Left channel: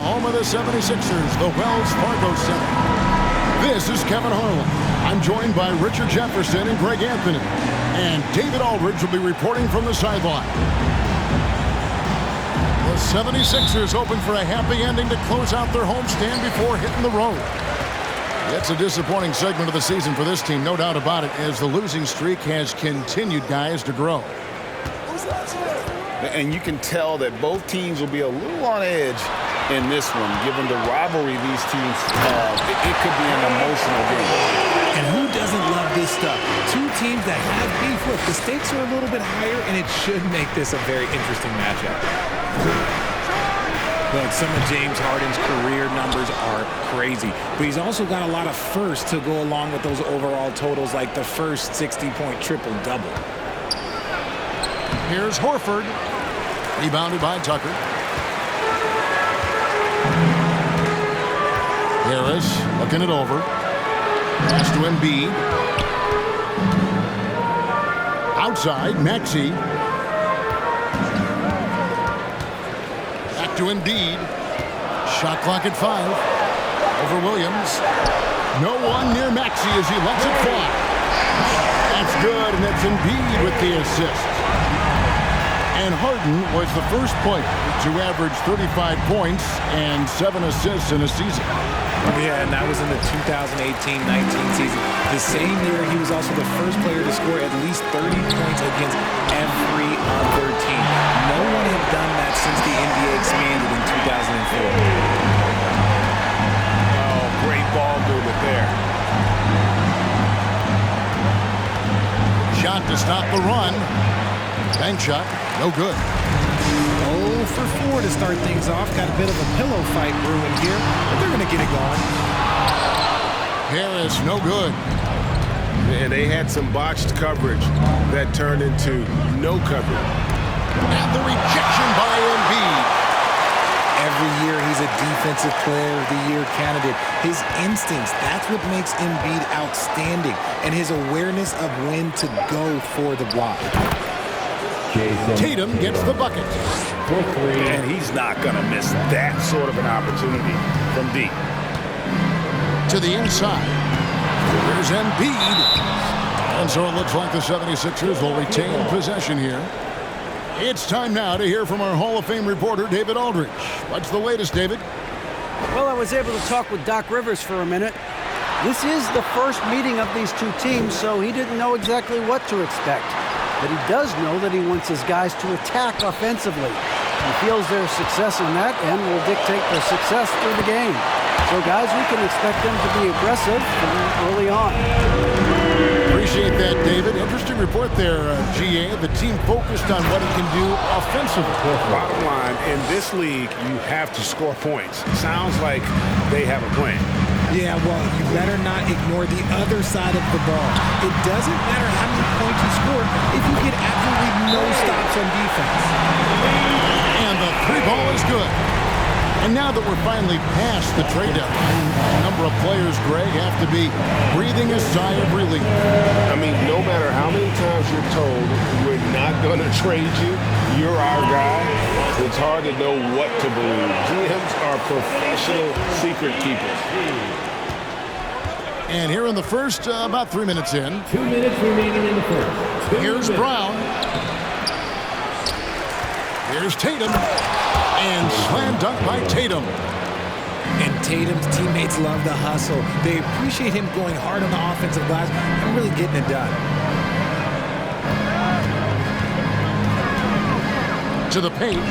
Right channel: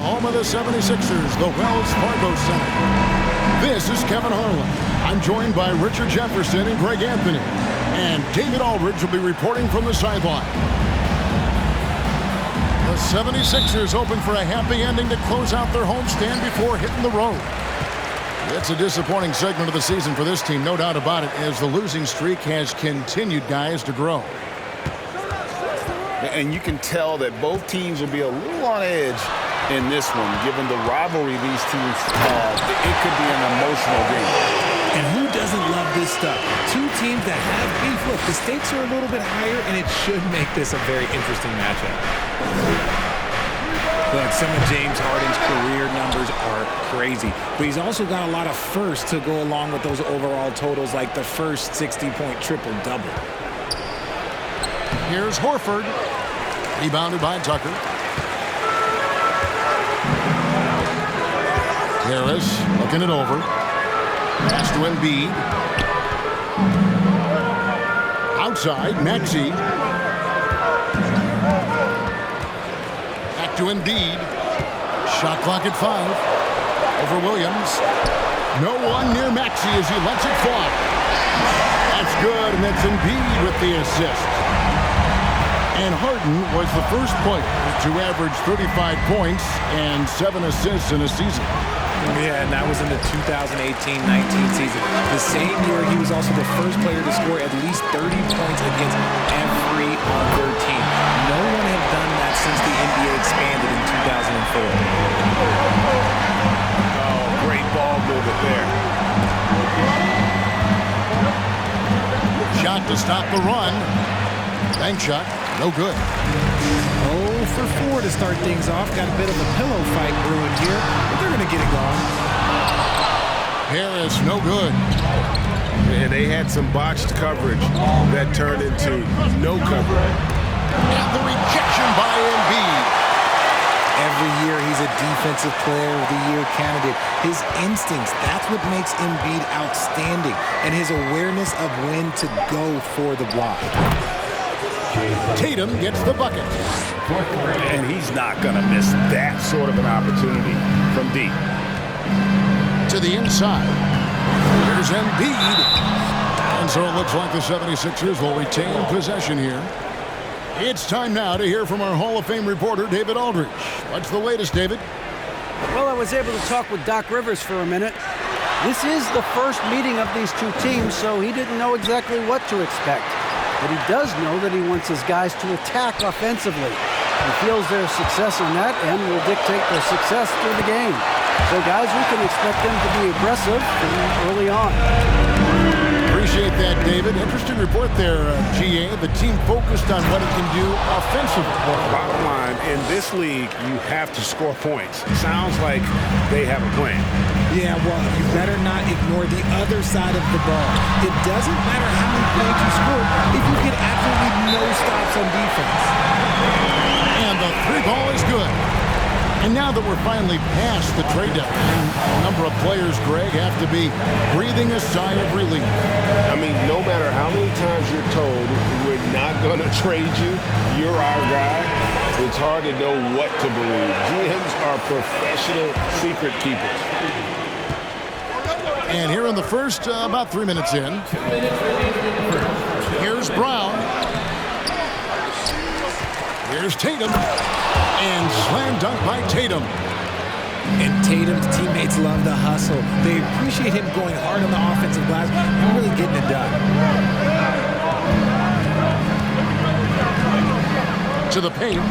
Home of the 76ers, the Wells Fargo Center. This is Kevin Harlan. I'm joined by Richard Jefferson and Greg Anthony. And David Aldridge will be reporting from the sideline. The 76ers hoping for a happy ending to close out their homestand before hitting the road. It's a disappointing segment of the season for this team, no doubt about it, as the losing streak has continued, guys, to grow. And you can tell that both teams will be a little on edge in this one, given the rivalry these teams have. It could be an emotional game. And who doesn't love this stuff? Two teams that have beef. Look, the stakes are a little bit higher, and it should make this a very interesting matchup. Look, some of James Harden's career numbers are crazy, but he's also got a lot of firsts to go along with those overall totals, like the first 60-point triple-double. Here's Horford. Rebounded by Tucker. Harris looking it over. Pass to Embiid. Outside, Maxey. Back to Embiid. Shot clock at 5. Over Williams. No one near Maxey as he lets it fly. That's good, and that's Embiid with the assist. And Harden was the first player to average 35 points and 7 assists in a season. Yeah, and that was in the 2018-19 season. The same year, he was also the first player to score at least 30 points against every other team. No one had done that since the NBA expanded in 2004. Oh, great ball movement there. Shot to stop the run. Bank shot, no good. 0 for 4 to start things off. Got a bit of a pillow fight brewing here, but they're going to get it going. Harris, no good. And they had some botched coverage that turned into no coverage. And the rejection by Embiid. Every year he's a Defensive Player of the Year candidate. His instincts, that's what makes Embiid outstanding. And his awareness of when to go for the block. Tatum gets the bucket. And he's not going to miss that sort of an opportunity from deep. To the inside. Here's Embiid. And so it looks like the 76ers will retain possession here. It's time now to hear from our Hall of Fame reporter, David Aldridge. What's the latest, David? Well, I was able to talk with Doc Rivers for a minute. This is the first meeting of these two teams, so he didn't know exactly what to expect. But he does know that he wants his guys to attack offensively. He feels their success on that end will dictate their success through the game. So, guys, we can expect them to be aggressive from early on. Appreciate that, David. Interesting report there, GA. The team focused on what it can do offensively. Bottom line, in this league, you have to score points. Sounds like they have a plan. Yeah, well, you better not ignore the other side of the ball. It doesn't matter how many points you score if you get absolutely no stops on defense. And the 3 ball is good. And now that we're finally past the trade deadline, a number of players, Greg, have to be breathing a sigh of relief. I mean, no matter how many times you're told we're not going to trade you, you're our guy, it's hard to know what to believe. GMs are professional secret keepers. And here in the first, about 3 minutes in. 2 minutes remaining in the first. Here's Brown. Here's Tatum. And slam dunk by Tatum. And Tatum's teammates love the hustle. They appreciate him going hard on the offensive glass and really getting it done. To the paint.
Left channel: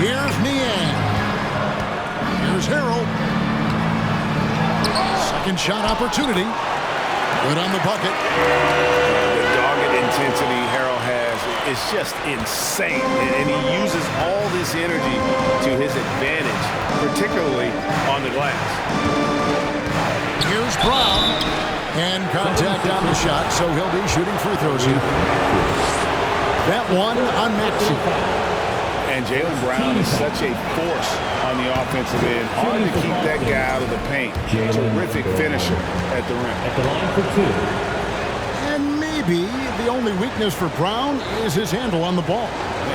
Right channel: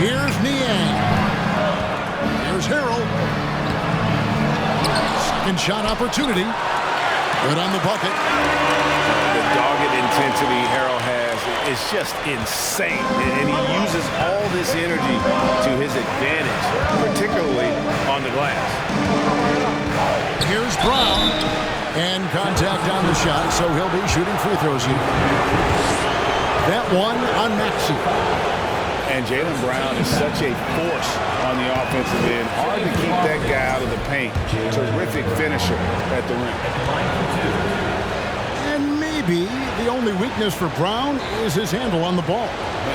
Here's Niang. Here's Harrell. Second shot opportunity. Good on the bucket. The dogged intensity Harrell has is just insane. And he uses all this energy to his advantage, particularly on the glass. Here's Brown. And contact on the shot, so he'll be shooting free throws here. That one on Maxey. And Jaylen Brown is such a force on the offensive end. Hard to keep that guy out of the paint. Terrific finisher at the rim. At the line for 2. And maybe maybe the only weakness for Brown is his handle on the ball.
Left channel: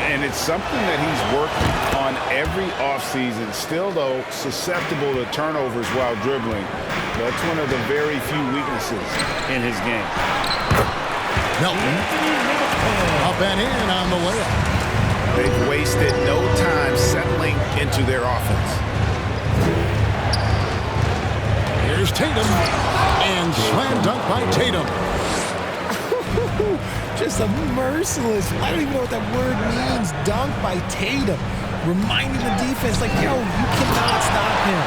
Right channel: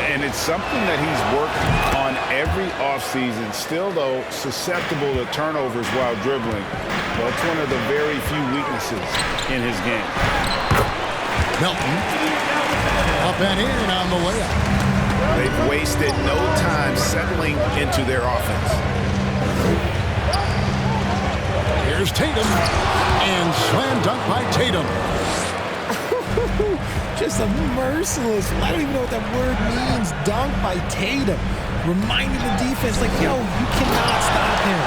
And it's something that he's worked on every offseason. Still, though, susceptible to turnovers while dribbling. That's one of the very few weaknesses in his game. Melton up and in on the layup. They've wasted no time settling into their offense. Here's Tatum, and slam dunk by Tatum. Just a merciless, I don't even know what that word means, dunk by Tatum. Reminding the defense, like, yo, you cannot stop him.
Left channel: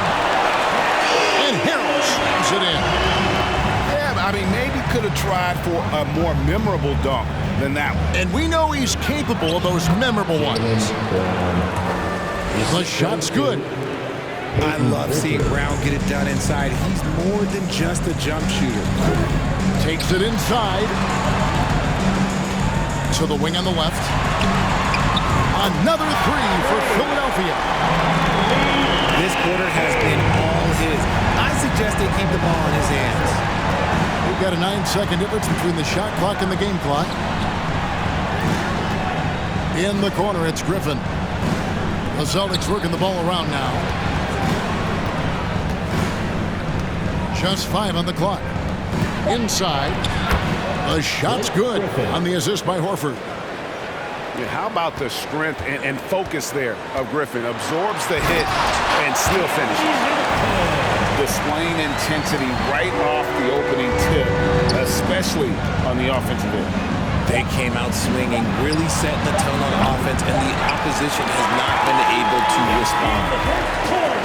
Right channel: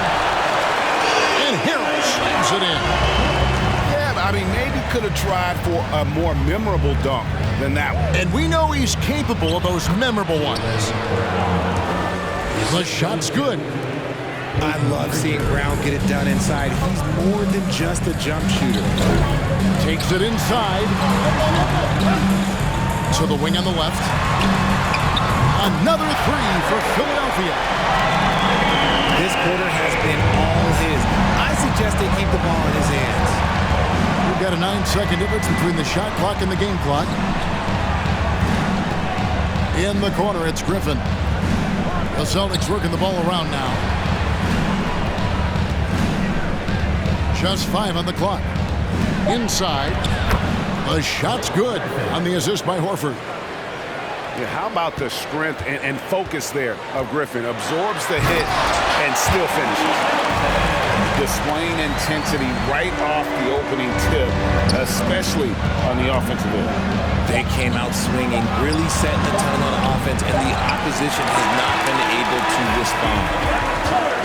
And Harrell slams it in. Yeah, I mean, maybe could have tried for a more memorable dunk than that one. And we know he's capable of those memorable ones. The shot's good. I love seeing Brown get it done inside. He's more than just a jump shooter. Takes it inside. To the wing on the left. Another three for Philadelphia. This quarter has been all his. I suggest they keep the ball in his hands. We've got a 9-second difference between the shot clock and the game clock. In the corner, it's Griffin. The Celtics working the ball around now. Just 5 on the clock. Inside. The shot's good on the assist by Horford. Yeah, how about the strength and focus there of Griffin? Absorbs the hit and still finishes. Displaying intensity right off the opening tip, especially on the offensive end. They came out swinging, really setting the tone on offense, and the opposition has not been able to respond.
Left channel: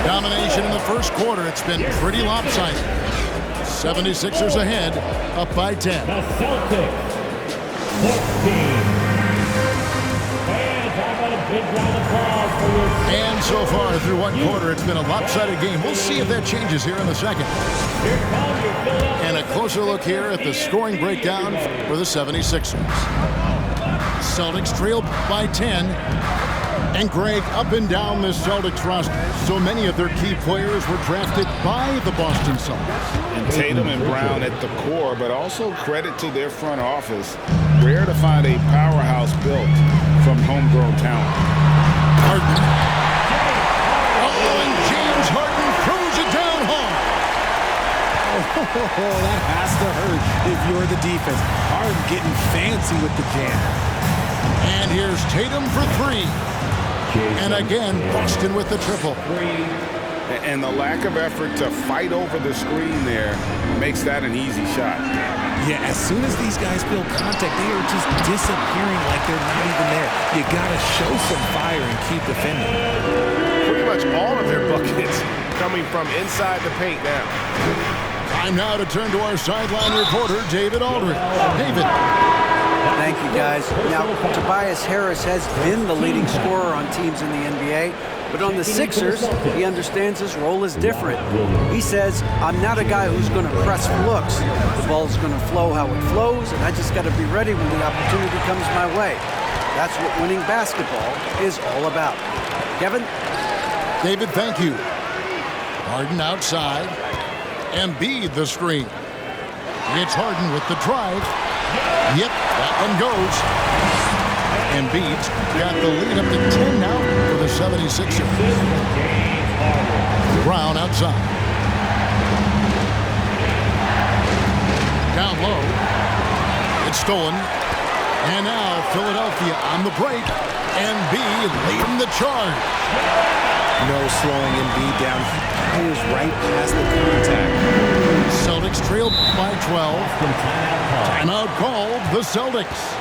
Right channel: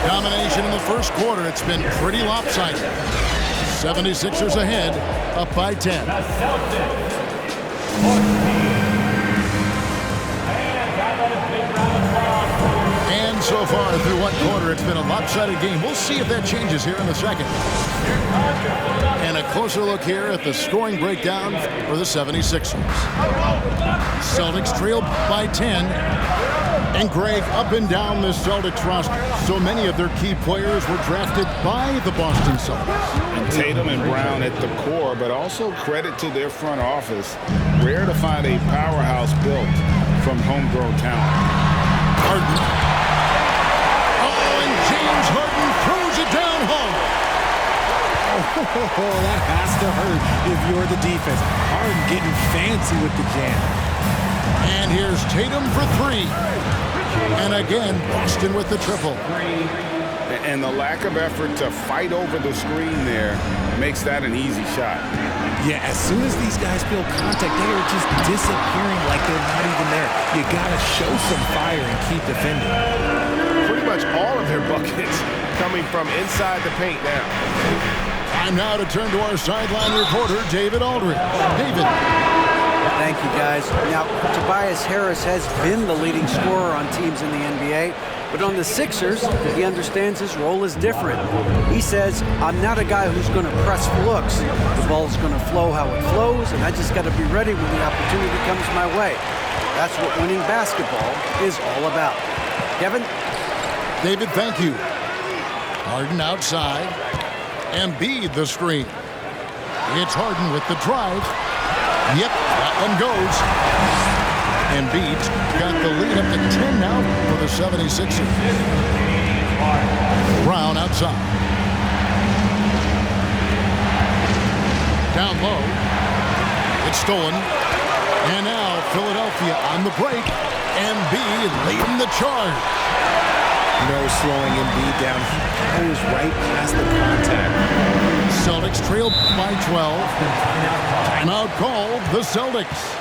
Domination in the first quarter. It's been pretty lopsided. 76ers ahead, up by 10. The Celtics, 14. Fans, how about a big round of applause for your... And so far through one quarter, it's been a lopsided game. We'll see if that changes here in the second. And a closer look here at the scoring breakdown for the 76ers. Celtics trail by 10. And Greg, up and down the Celtics roster, so many of their key players were drafted by the Boston Celtics. And Tatum and Brown at the core, but also credit to their front office. Rare to find a powerhouse built from homegrown talent. Harden. Oh, and James Harden throws it down hard. Oh, that has to hurt if you're the defense. Harden getting fancy with the jam. And here's Tatum for 3. And again, Boston with the triple. And the lack of effort to fight over the screen there makes that an easy shot. Yeah, as soon as these guys feel contact, they are just disappearing like they're not even there. You got to show some fire and keep defending. Pretty much all of their buckets coming from inside the paint now. Time now to turn to our sideline reporter, David Aldridge. David. Thank you, guys. Now, Tobias Harris has been the leading scorer on teams in the NBA, but on the Sixers, he understands his role is different. He says, I'm not a guy who's going to press for looks. The ball's going to flow how it flows, and I just got to be ready when the opportunity comes my way. That's what winning basketball is all about. Kevin? David, thank you. Harden outside. Embiid the screen. It's Harden with the drive. Yep, that one goes. Embiid's got the lead up to 10 now for the 76ers. Brown outside. Down low. It's stolen. And now Philadelphia on the break. Embiid leading the charge. No slowing Embiid down. He powers right past the contact. Celtics trailed by 12. Timeout called the Celtics.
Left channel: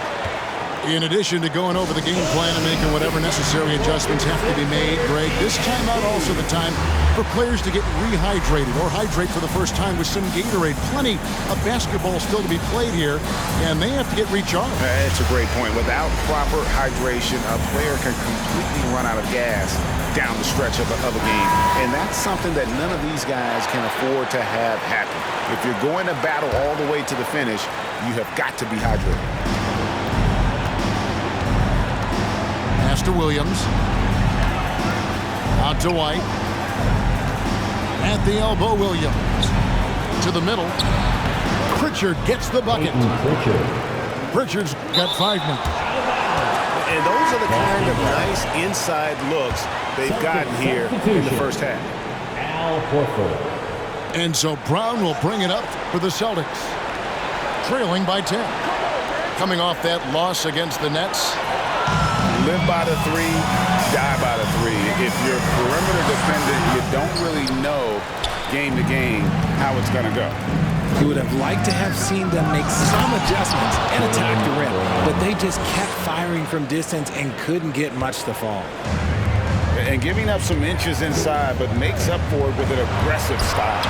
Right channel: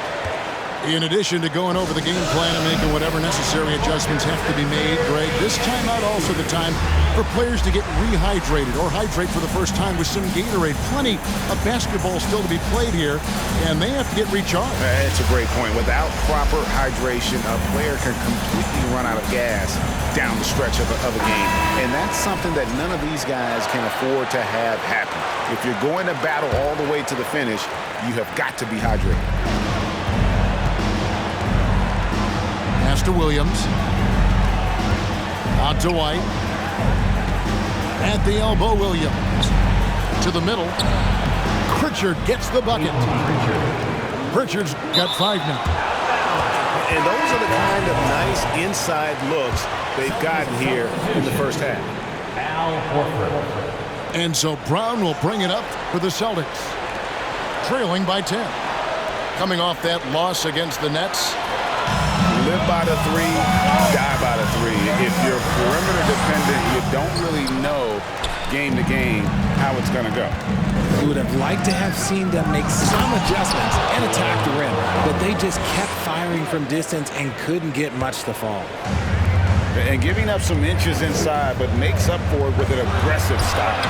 In addition to going over the game plan and making whatever necessary adjustments have to be made, Greg, this timeout also the time for players to get rehydrated or hydrate for the first time with some Gatorade. Plenty of basketball still to be played here, and they have to get recharged. It's a great point. Without proper hydration, a player can completely run out of gas down the stretch of a game. And that's something that none of these guys can afford to have happen. If you're going to battle all the way to the finish, you have got to be hydrated. Pass to Williams. Out to White. At the elbow, Williams. To the middle. Pritchard gets the bucket. Pritchard's got 5 now. And those are the kind of nice inside looks they've gotten here in the first half. Al Horford. And so Brown will bring it up for the Celtics, trailing by 10. Coming off that loss against the Nets. Live by the 3, die by the 3. If you're perimeter defendant, you don't really know game to game how it's going to go. You would have liked to have seen them make some adjustments and attack the rim, but they just kept firing from distance and couldn't get much to fall. And giving up some inches inside, but makes up for it with an aggressive style.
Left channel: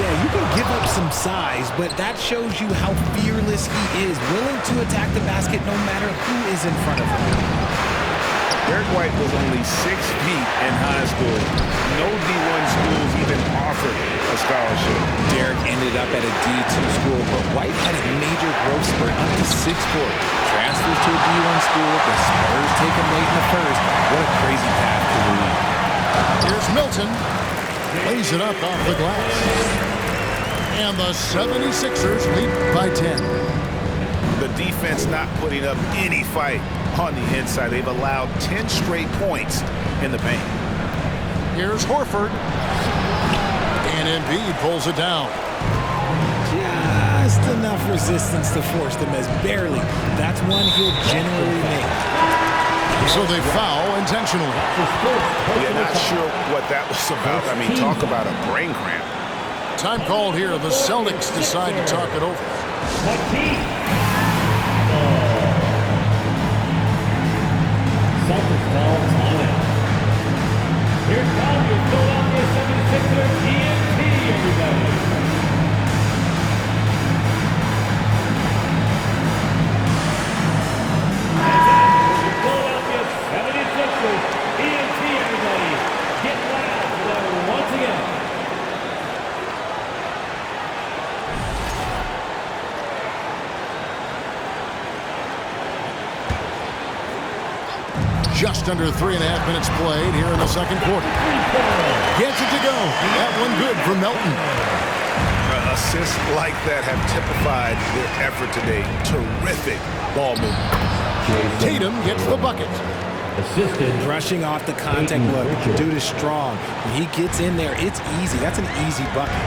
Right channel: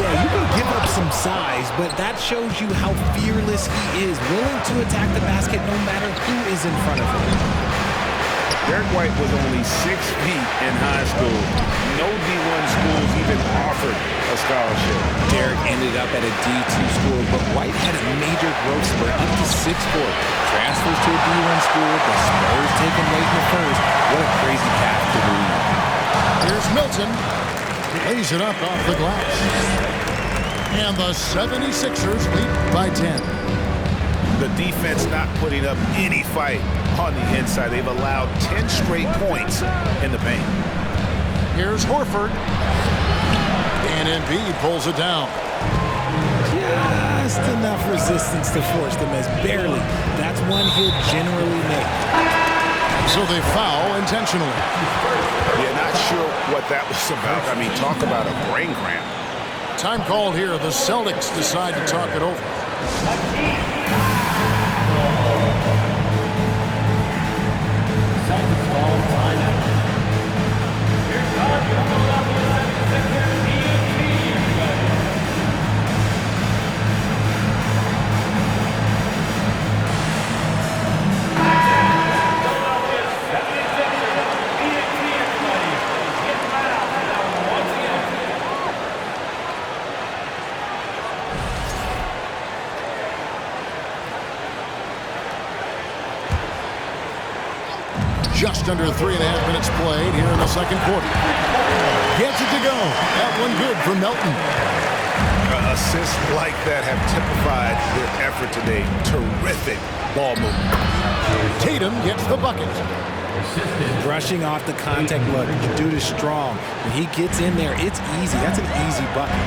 Yeah, you can give up some size, but that shows you how fearless he is, willing to attack the basket no matter who is in front of him. Derek White was only 6 feet in high school. No D1 schools even offered a scholarship. Derek ended up at a D2 school, but White had a major growth spurt up to 6'4". Transfers to a D1 school, the Spurs take him late in the first. What a crazy path to the league. Here's Milton. Lays it up off the glass. And the 76ers lead by 10. The defense not putting up any fight on the inside. They've allowed 10 straight points in the paint. Here's Horford. And Embiid pulls it down. Just enough resistance to force the miss. Barely. That's one he'll generally make. So they foul intentionally. Yeah, not sure what that was about. I mean, talk about a brain cramp. Time called here. The Celtics decide to talk it over. Celtics call timeout. Here's time your Philadelphia 76ers TNT, everybody. Philadelphia 76ers TNT, everybody. Get loud for that one once again. Just under 3.5 minutes played here in the second quarter. Gets it to go. That one good for Melton. Assists like that have typified their effort today. Terrific ball movement. Tatum gets the bucket. Assisted. Brushing off the contact look. The dude is strong. When he gets in there, it's easy. That's an easy bucket.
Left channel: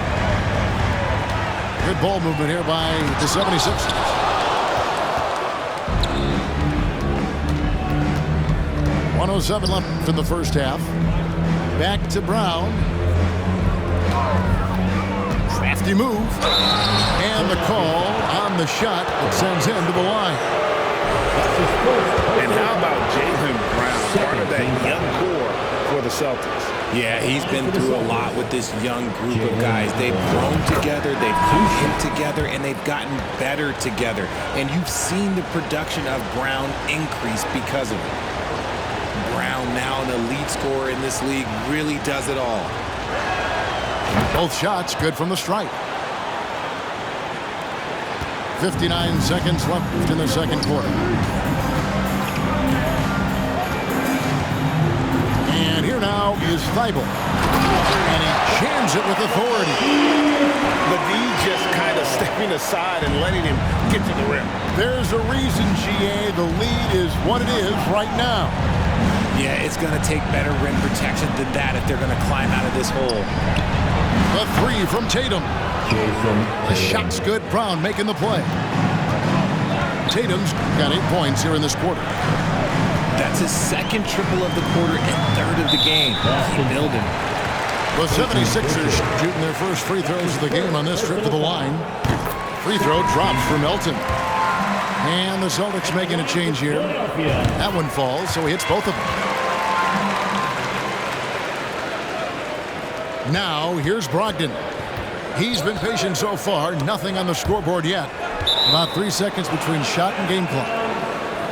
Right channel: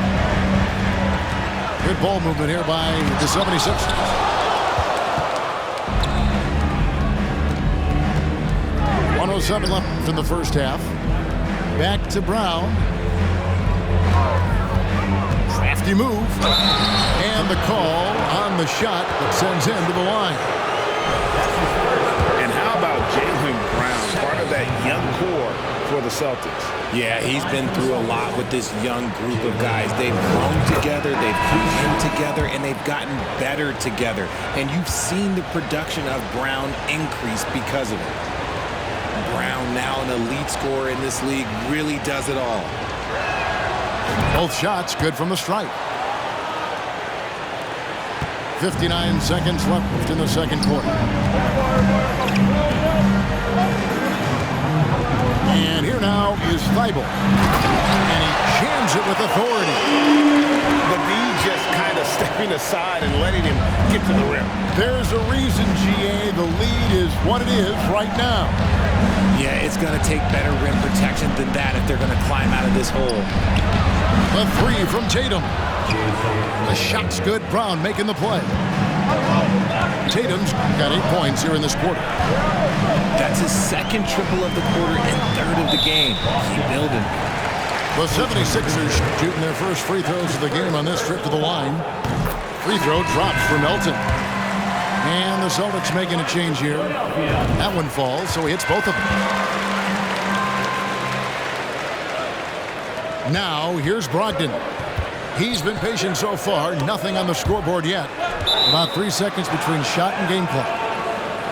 Good ball movement here by the 76ers. .107 left in the first half. Back to Brown. Crafty move. And the call on the shot that sends him to the line. And how about Jaylen Brown, part of that young core for the Celtics? Yeah, he's been through a lot with this young group of guys. They've grown together, they've come in together, and they've gotten better together. And you've seen the production of Brown increase because of it. Brown, now an elite scorer in this league, really does it all. Both shots good from the stripe. 59 seconds left in the second quarter. And here now is Thibault. And he jams it with authority. The D just kind of stepping aside and letting him get to the rim. There's a reason, GA, the lead is what it is right now. Yeah, it's going to take better rim protection than that if they're going to climb out of this hole. The three from Tatum. The shot's good. Brown making the play. Tatum's got 8 points here in this quarter. That's his second triple of the quarter and third of the game. Keep building. The 76ers shooting their first free throws of the game on this trip to the line. Free throw drops for Melton. And the Celtics making a change here. That one falls, so he hits both of them. Now, here's Brogdon. He's been patient so far. Nothing on the scoreboard yet. About 3 seconds between shot and game clock.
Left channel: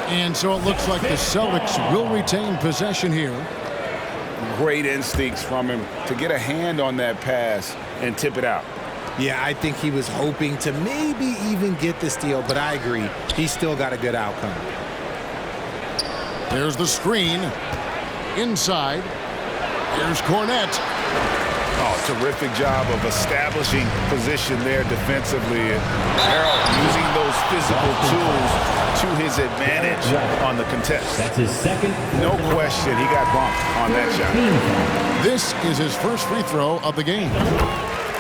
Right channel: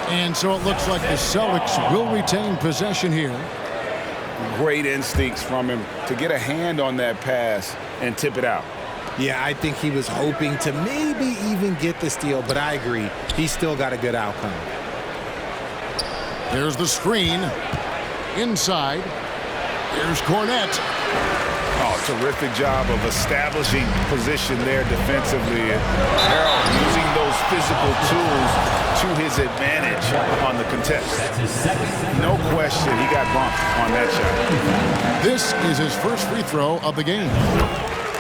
And so it looks like the Celtics will retain possession here. Great instincts from him to get a hand on that pass and tip it out. Yeah, I think he was hoping to maybe even get the steal, but I agree. He's still got a good outcome. There's the screen. Inside. Here's Cornette. Oh, terrific job of establishing position there defensively. Harrell using those physical tools to his advantage on the contest. That's his second. No question, he got bumped on that shot. This is his first free throw of the game.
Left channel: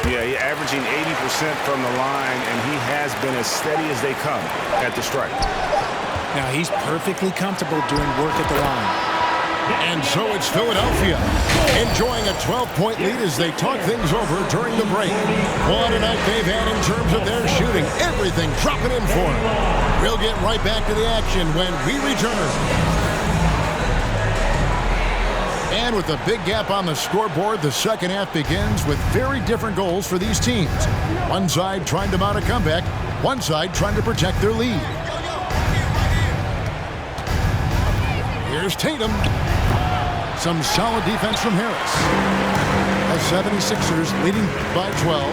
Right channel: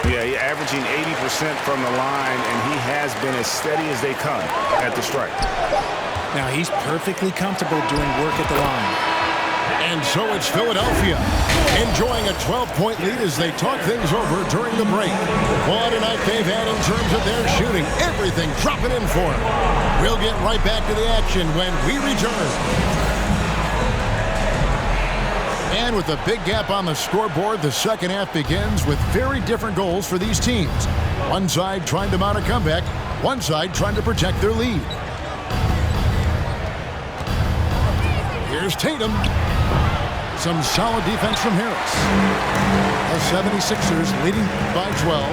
Yeah, he's averaging 80% from the line, and he has been as steady as they come at the stripe. Now he's perfectly comfortable doing work at the line. And so it's Philadelphia enjoying a 12-point lead as they talk things over during the break. What a night they've had in terms of their shooting. Everything dropping in for them. We'll get right back to the action when we return. And with a big gap on the scoreboard, the second half begins with very different goals for these teams. One side trying to mount a comeback, one side trying to protect their lead. Here's Tatum. Some solid defense from Harris. The 76ers leading by 12.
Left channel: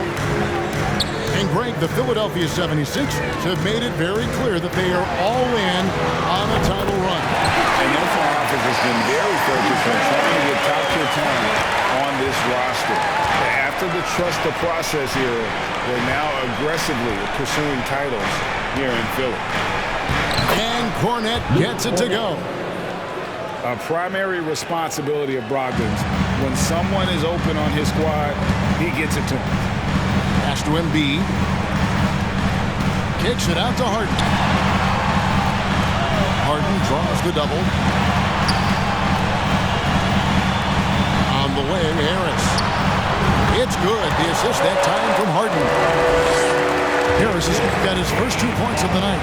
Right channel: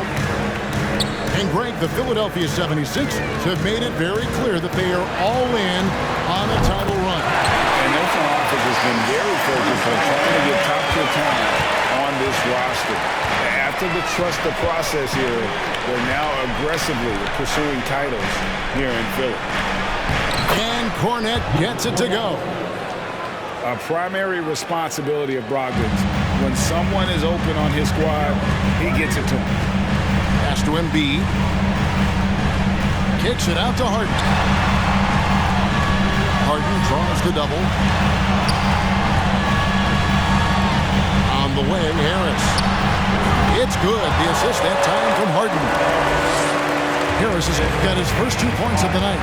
And Greg, the Philadelphia 76ers have made it very clear that they are all in on a title run. And their front office has been very focused on trying to get top-tier talent on this roster. After the trust the process here, they're now aggressively pursuing titles here in Philly. And Kornet gets it to go. A primary responsibility of Brogdon's. When someone is open on his squad, he gets it to him. Pass to Embiid. Kicks it out to Harden. Harden draws the double. On the wing, Harris. It's good. The assist that time from Harden. Harris has got his first 2 points of the night.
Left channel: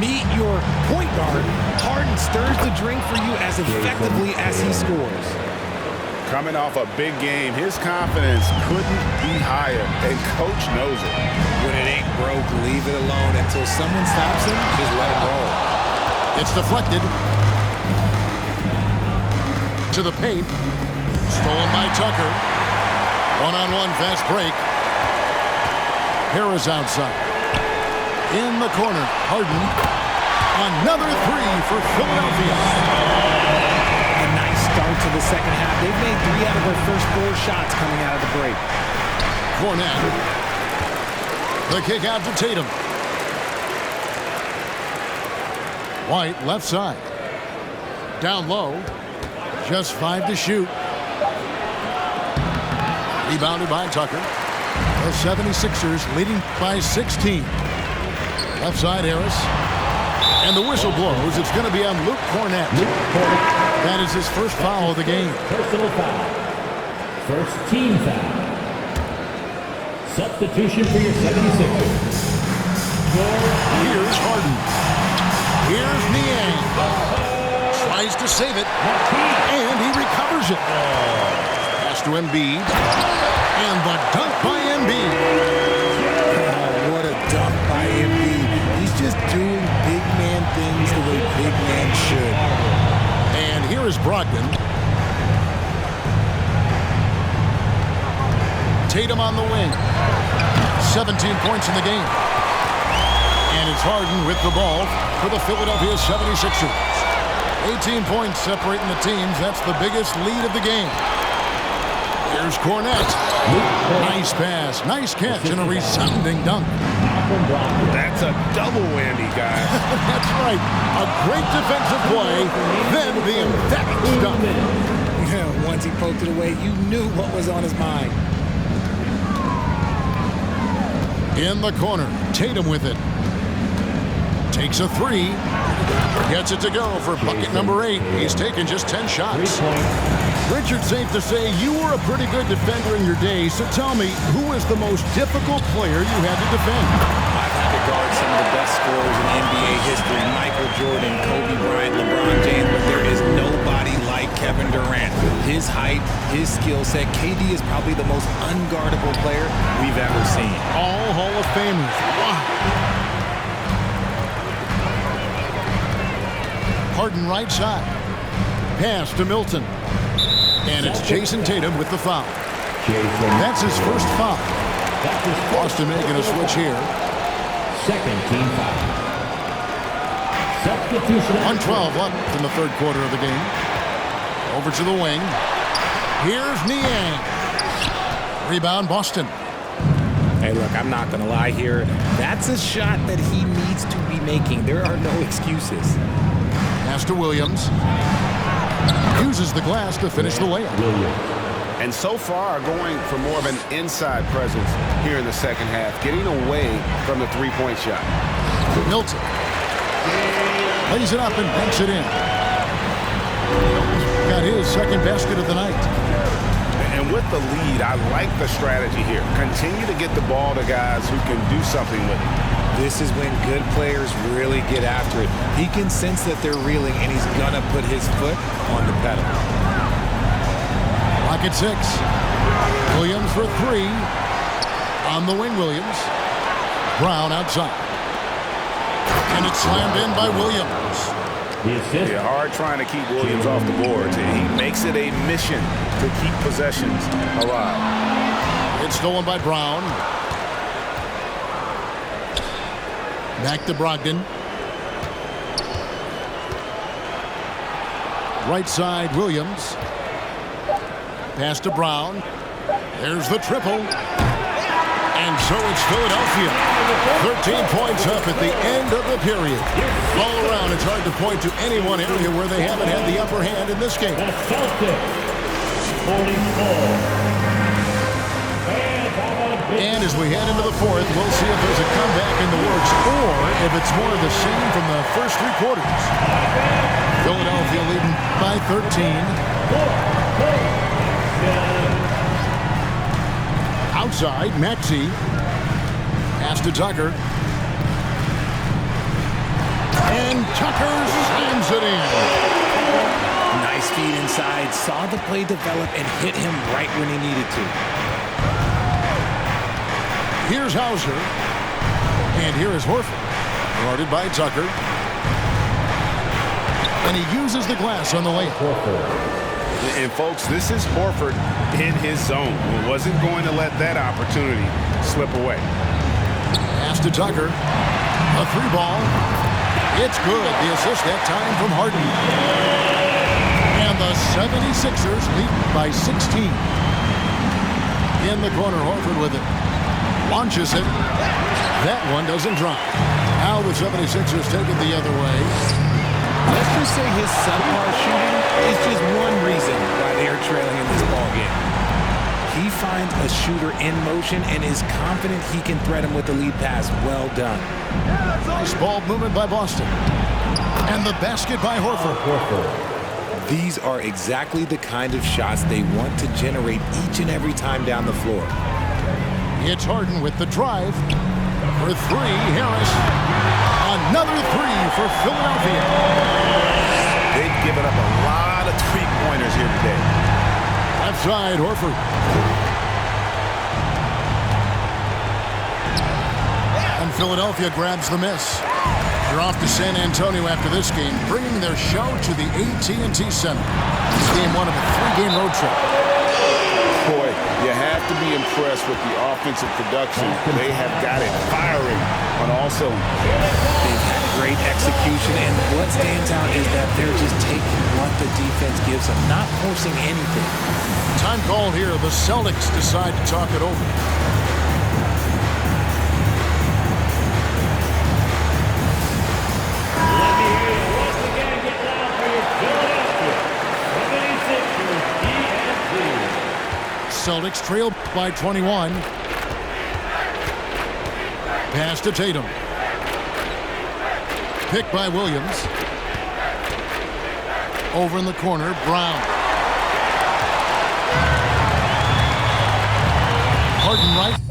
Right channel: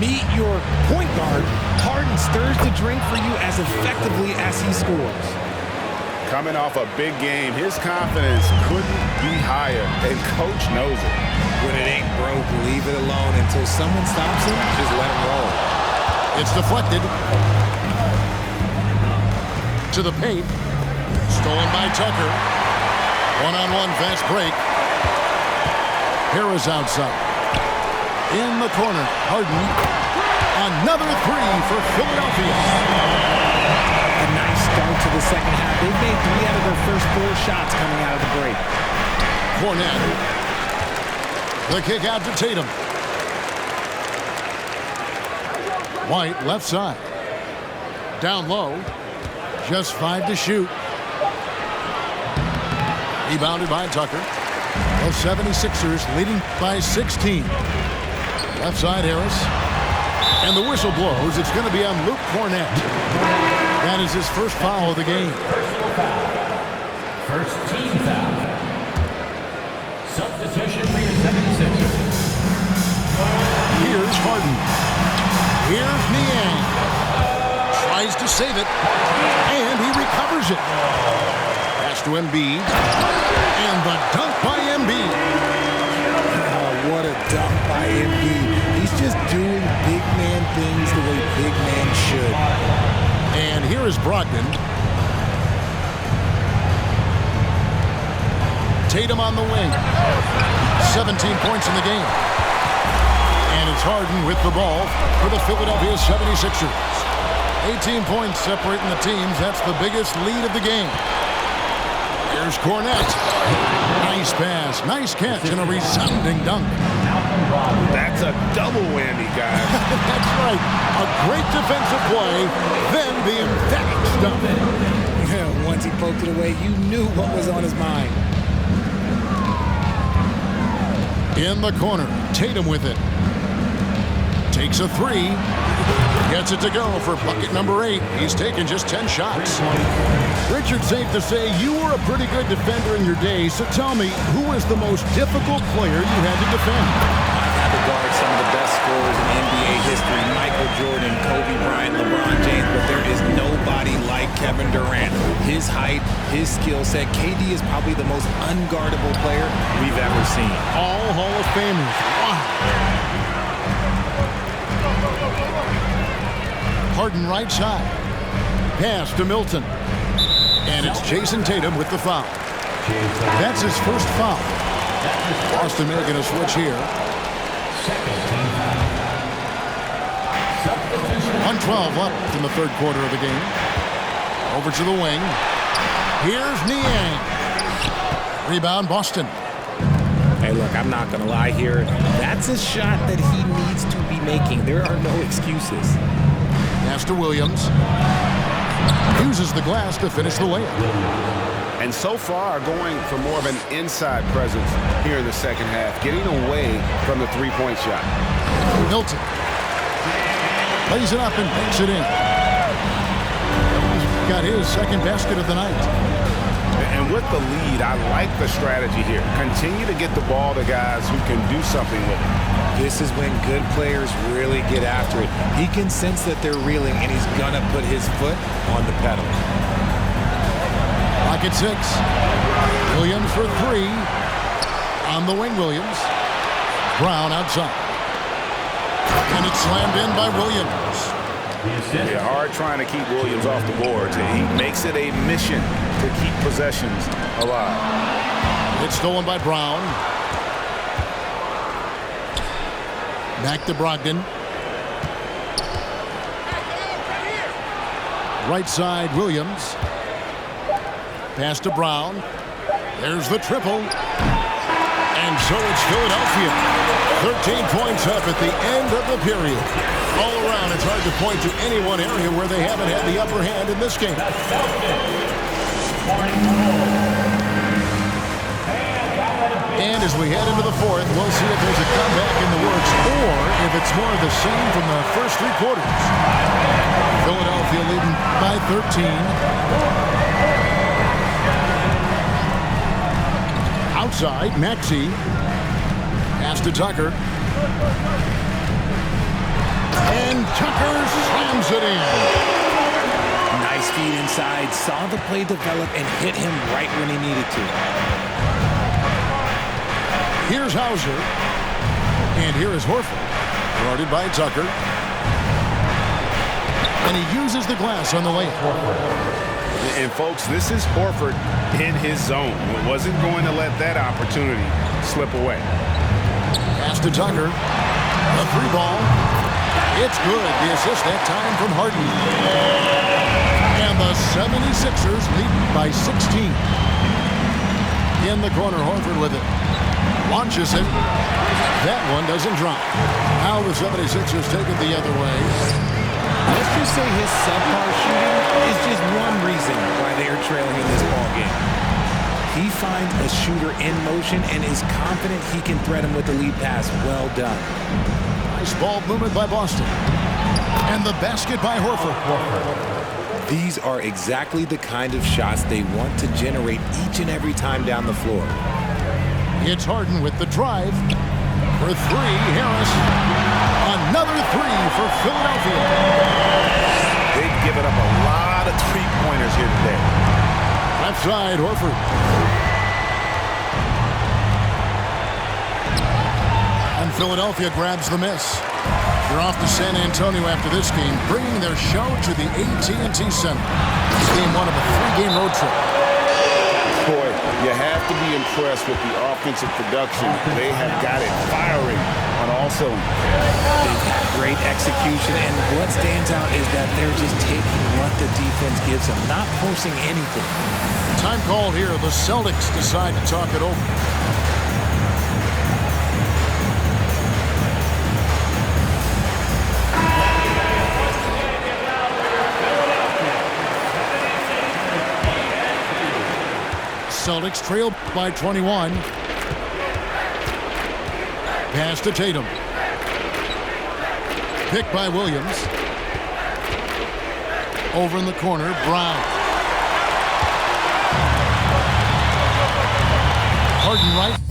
Meet your point guard. Harden stirs the drink for you as effectively as he scores. Coming off a big game, his confidence couldn't be higher, and coach knows it. When it ain't broke, leave it alone until someone stops him. Just let him roll. It's deflected. To the paint. Stolen by Tucker. One-on-one fast break. Harris outside. In the corner, Harden. Another three for Philadelphia. A nice start to the second half. They've made 3 out of their first 4 shots coming out of the break. Kornet. The kick out to Tatum. White left side. Down low. Just 5 to shoot. Rebounded by Tucker. The 76ers leading by 16. Left side, Harris. And the whistle blows. It's going to be on Luke Kornet. That is his first foul of the game. Personal foul. First team foul. Substitution for your 76ers. Here's Harden. Here's Niang. Tries to save it. And he recovers it. Pass to Embiid. And the dunk by Embiid. What a dunk by Embiid. He's just doing big man things the way big man should. And here is Brogdon. Tatum on the wing. 17 points in the game. And it's Harden with the ball for the Philadelphia 76ers. 18 points separating the teams. That's the biggest lead of the game. Here's Kornet. Nice pass, nice catch, and a resounding dunk. That's a double whammy, guys. That's right. A great defensive play, then the emphatic dunk. Yeah, once he poked it away, you knew what was on his mind. In the corner, Tatum with it. Takes a three. Gets it to go for bucket number 8. He's taken just 10 shots. Richard, safe to say you were a pretty good defender in your day, so tell me, who was the most difficult player you had to defend? I've had to guard some of the best scorers in NBA history. Michael Jordan, Kobe Bryant, LeBron James, but there is nobody like Kevin Durant. His height, his skill set. KD is probably the most unguardable player we've ever seen. All Hall of Famers. Wow. Harden right side. Pass to Milton. And it's Jason Tatum with the foul. That's his first foul. Boston making a switch here. Second team foul. Substitution. 1:12 left in the third quarter of the game. Over to the wing. Here's Niang. Rebound, Boston. Hey, look, I'm not going to lie here. That's a shot that he needs to be making. There are no excuses. Pass to Williams. Uses the glass to finish the layup. And so far, going for more of an inside presence here in the second half, getting away from the three-point shot. Milton lays it up and banks it in. Milton's got his second basket of the night. And with the lead, I like the strategy here. Continue to get the ball to guys who can do something with it. This is when good players really get after it. He can sense that they're reeling, and he's going to put his foot on the pedal. Rocket 6. Williams for 3. On the wing, Williams. Brown outside. And it's slammed in by Williams. Yeah, hard trying to keep Williams off the boards. He makes it a mission to keep possessions alive. It's stolen by Brown. Back to Brogdon. Right side, Williams. Pass to Brown. There's the triple. And so it's Philadelphia. 13 points up at the end of the period. All around, it's hard to point to any one area where they haven't had the upper hand in this game. The Celtics, 44. And as we head into the fourth, we'll see if there's a comeback in the works or if it's more of the same from the first three quarters. Philadelphia leading by 13. Outside, Maxey. Pass to Tucker. And Tucker slams it in. Nice feed inside. Saw the play develop and hit him right when he needed to. Here's Hauser. And here is Horford. Guarded by Tucker. And he uses the glass on the layup. And, folks, this is Horford in his zone. He wasn't going to let that opportunity slip away. Pass to Tucker. A three ball. It's good. The assist that time from Harden. And the 76ers lead by 16. In the corner, Horford with it. Launches it. That one doesn't drop. Now the 76ers take it the other way. Let's just say his subpar shooting is just one reason why they are trailing in this ball game. He finds a shooter in motion and is confident he can threat him with the lead pass. Well done. Nice ball movement by Boston. And the basket by Horford. These are exactly the kind of shots they want to generate each and every time down the floor. It's Harden with the drive. For three, Harris. Another three for Philadelphia. They've given up a lot of three-pointers here today. Left side, Horford. And Philadelphia grabs the miss. They're off to San Antonio after this game, bringing their show to the AT&T Center. It's game one of a three-game road trip. Boy, you have to be impressed with the offensive production. They have got it firing on all cylinders. They've had great execution, and what stands out is that they're just taking what the defense gives them, not forcing anything. Time called here. The Celtics decide to talk it over. Celtics trail by 21. Pass to Tatum. Picked by Williams. Over in the corner, Brown. Harden right.